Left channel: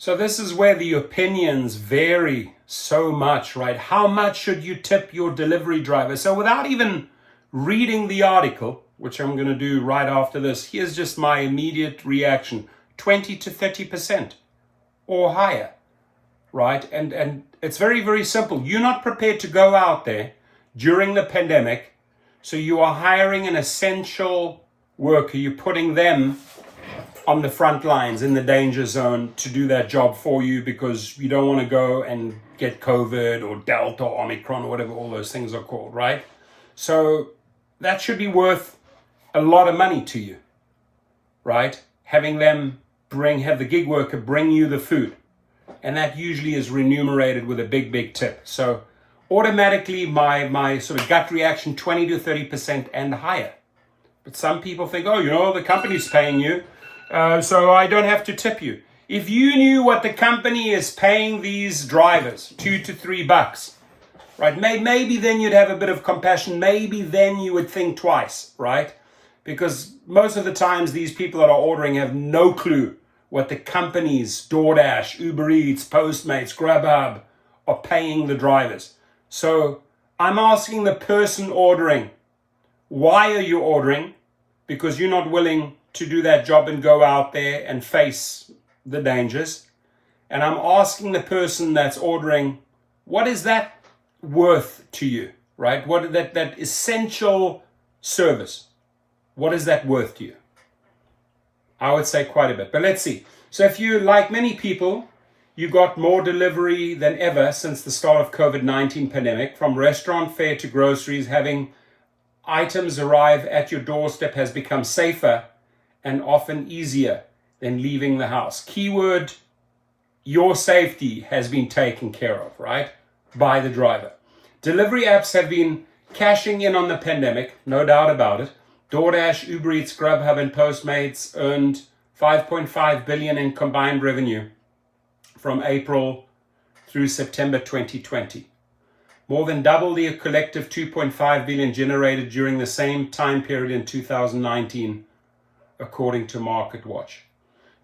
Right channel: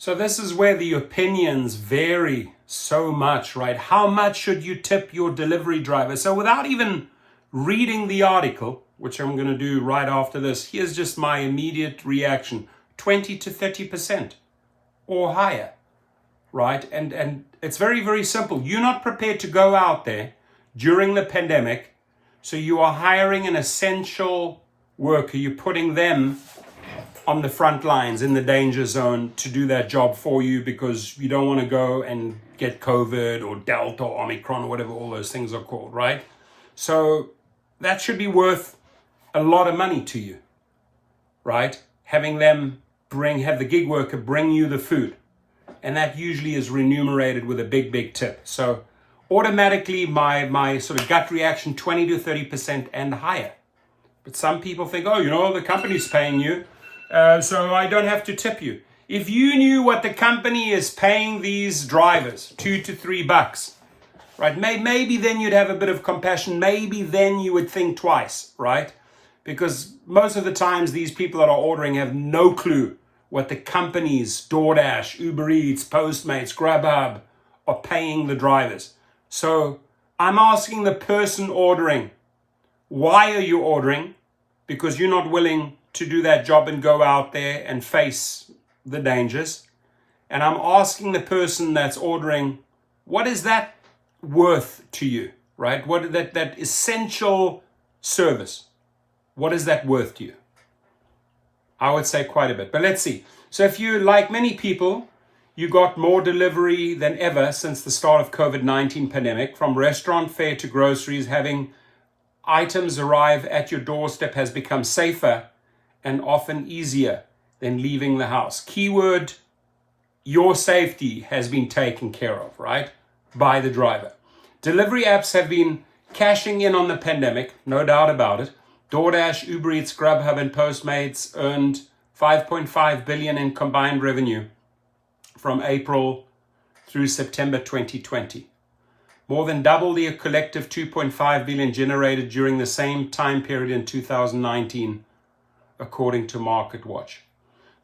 So this is where the opinions vary so much, right? How much should you tip your delivery driver? So without even reading the article, which I'm going to do right after this, here's just my immediate reaction: 20 to 30% or higher, right? And it's very, very simple. You're not prepared to go out there during the pandemic, so you are hiring an essential worker. You're putting them on the front lines in the danger zone to do that job for you because you don't want to go and get COVID or Delta or Omicron or whatever all those things are called, right? So that should be worth a lot of money to you, right? Having them have the gig worker bring you the food. And that usually is remunerated with a big, big tip. So automatically my sort of gut reaction, 20 to 30% and higher. But some people think, oh, the company's paying you, so I don't have to tip you. If you knew what the company is paying these drivers, $2 to $3, right? Maybe then you'd have a bit of compassion. Maybe then you would think twice, right? Because most of the times these people that are ordering have no clue what the companies, Doordash, Uber Eats, Postmates, Grubhub, are paying the drivers. So I'm asking the person ordering, why are you ordering? Because you're not willing to do that job and go out there and face the dangers. And I'm asking the person that's ordering, what is that worth to you, right? What that essential service, what is that worth to you? I would say quite a bit, but let's see. So if you, like many people, you got more delivery than ever since the start of COVID-19 pandemic, from restaurant fare to groceries. Having items arrive at your doorstep has become safer and often easier than leaving the house. Keyword, your safety has been taken care of, right? By the driver. Delivery apps have been cashing in on the pandemic, no doubt about it. Doordash, Uber Eats, Grubhub, and Postmates earned $5.5 billion in combined revenue from April through September 2020. More than double the collective $2.5 billion generated during the same time period in 2019, according to MarketWatch.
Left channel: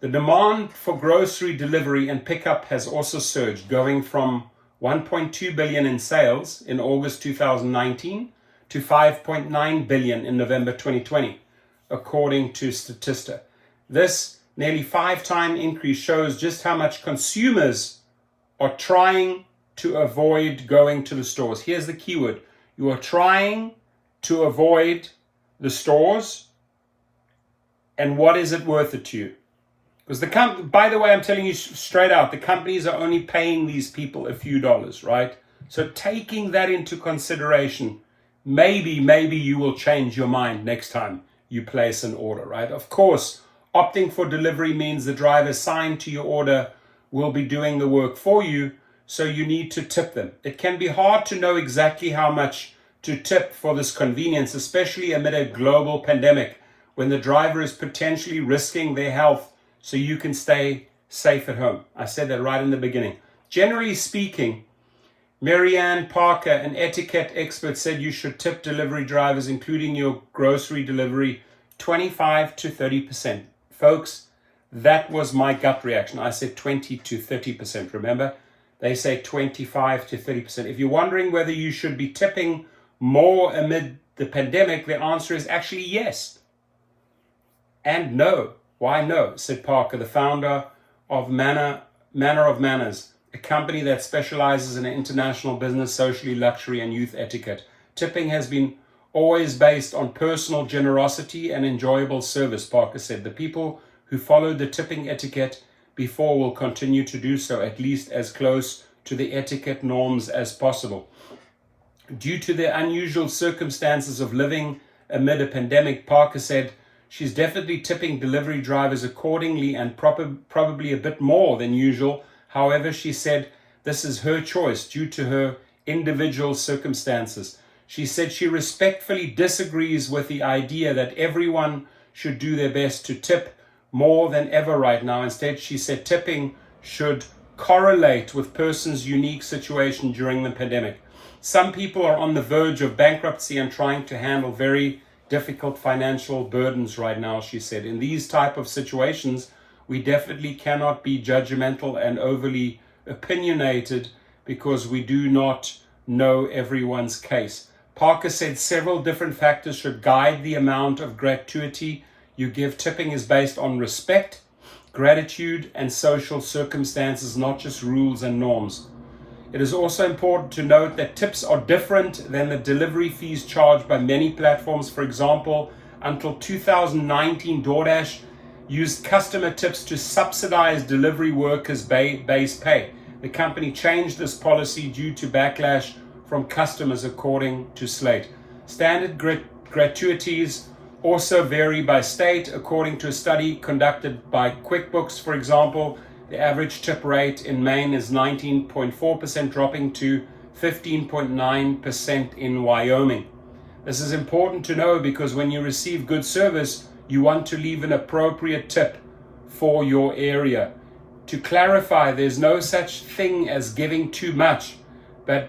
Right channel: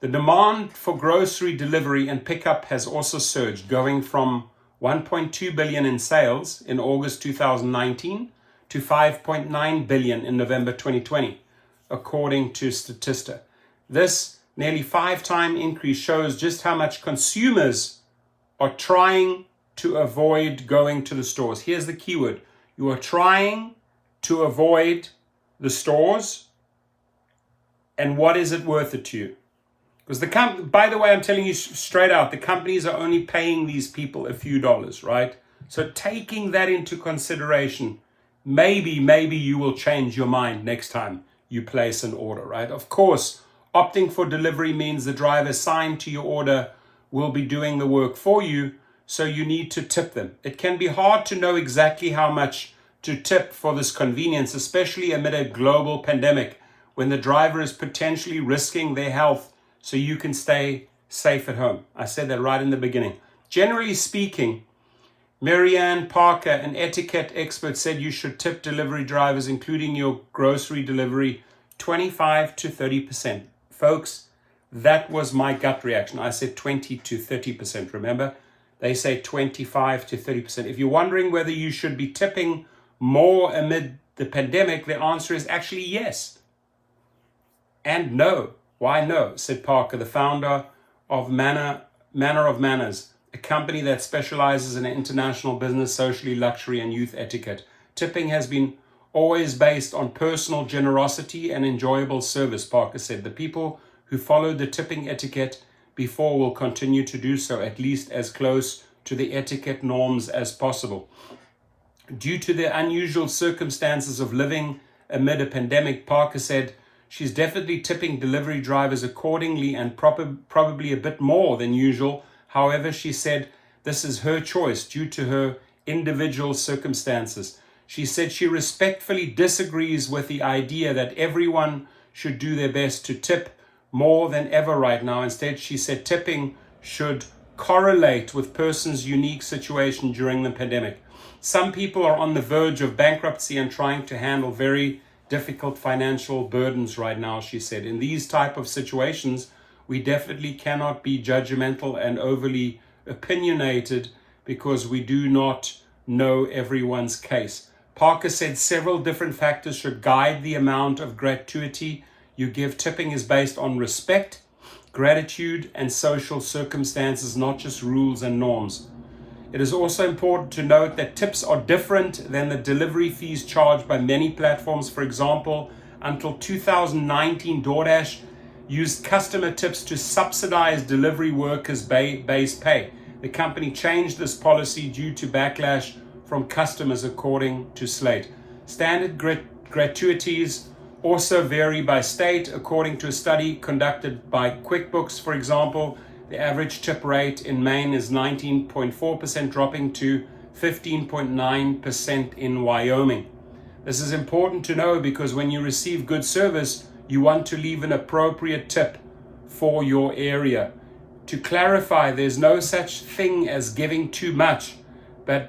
The demand for grocery delivery and pickup has also surged, going from $1.2 billion in sales in August 2019 to $5.9 billion in November 2020, according to Statista. This nearly 5-time increase shows just how much consumers are trying to avoid going to the stores. Here's the keyword. You are trying to avoid the stores, and what is it worth it to you? Because by the way, I'm telling you straight out, the companies are only paying these people a few dollars, right? So taking that into consideration, maybe you will change your mind next time you place an order, right? Of course, opting for delivery means the driver assigned to your order will be doing the work for you, so you need to tip them. It can be hard to know exactly how much to tip for this convenience, especially amid a global pandemic when the driver is potentially risking their health so you can stay safe at home. I said that right in the beginning. Generally speaking, Marianne Parker, an etiquette expert, said you should tip delivery drivers, including your grocery delivery, 25 to 30%. Folks, that was my gut reaction. I said 20 to 30%, remember? They say 25 to 30%. If you're wondering whether you should be tipping more amid the pandemic, the answer is actually yes. And no. Why no? Said Parker, the founder of Manner of Manners, a company that specializes in international business, socially, luxury, and youth etiquette. Tipping has been always based on personal generosity and enjoyable service, Parker said. The people who followed the tipping etiquette before will continue to do so, at least as close to the etiquette norms as possible. Due to the unusual circumstances of living amid a pandemic, Parker said she's definitely tipping delivery drivers accordingly and probably a bit more than usual. However, she said this is her choice due to her individual circumstances. She said she respectfully disagrees with the idea that everyone should do their best to tip more than ever right now. Instead, she said tipping should correlate with person's unique situation during the pandemic. Some people are on the verge of bankruptcy and trying to handle very difficult financial burdens right now, she said. In these type of situations, we definitely cannot be judgmental and overly opinionated because we do not know everyone's case. Parker said several different factors should guide the amount of gratuity you give. Tipping is based on respect, gratitude, and social circumstances, not just rules and norms. It is also important to note that tips are different than the delivery fees charged by many platforms. For example, until 2019, Doordash used customer tips to subsidize delivery workers' base pay. The company changed this policy due to backlash from customers, according to Slate. Standard gratuities also vary by state. According to a study conducted by QuickBooks, for example, the average tip rate in Maine is 19.4%, dropping to 15.9% in Wyoming. This is important to know because when you receive good service, you want to leave an appropriate tip for your area. To clarify, there's no such thing as giving too much, but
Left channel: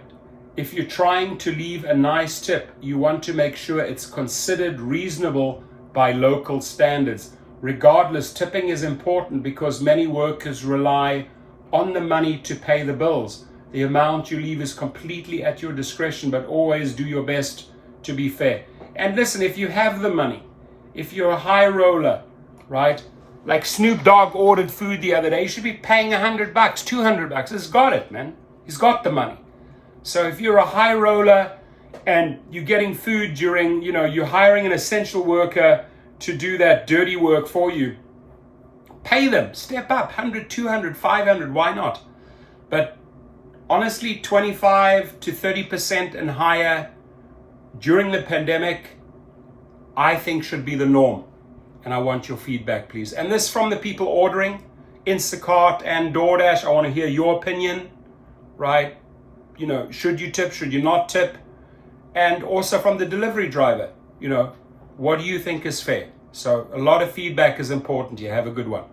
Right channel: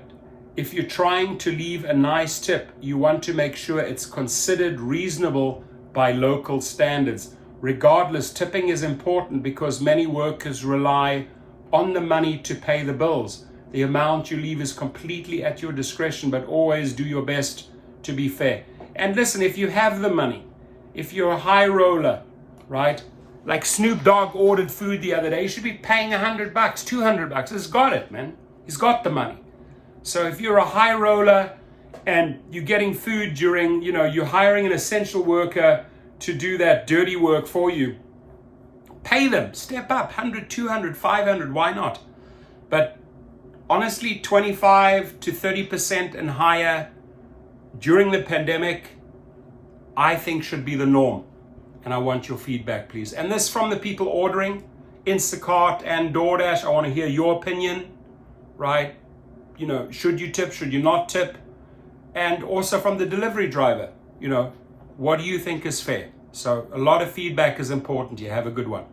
if you're trying to leave a nice tip, you want to make sure it's considered reasonable by local standards. Regardless, tipping is important because many workers rely on the money to pay the bills. The amount you leave is completely at your discretion, but always do your best to be fair. And listen, if you have the money, if you're a high roller, right? Like Snoop Dogg ordered food the other day, you should be paying $100, $200. He's got it, man. He's got the money. So if you're a high roller and you're getting food during, you're hiring an essential worker to do that dirty work for you, pay them, step up, 100, 200, 500, why not? But honestly, 25 to 30% and higher during the pandemic, I think should be the norm. And I want your feedback, please. And this from the people ordering Instacart and Doordash. I want to hear your opinion, right? Should you tip? Should you not tip? And also from the delivery driver, what do you think is fair? So a lot of feedback is important here. Have a good one.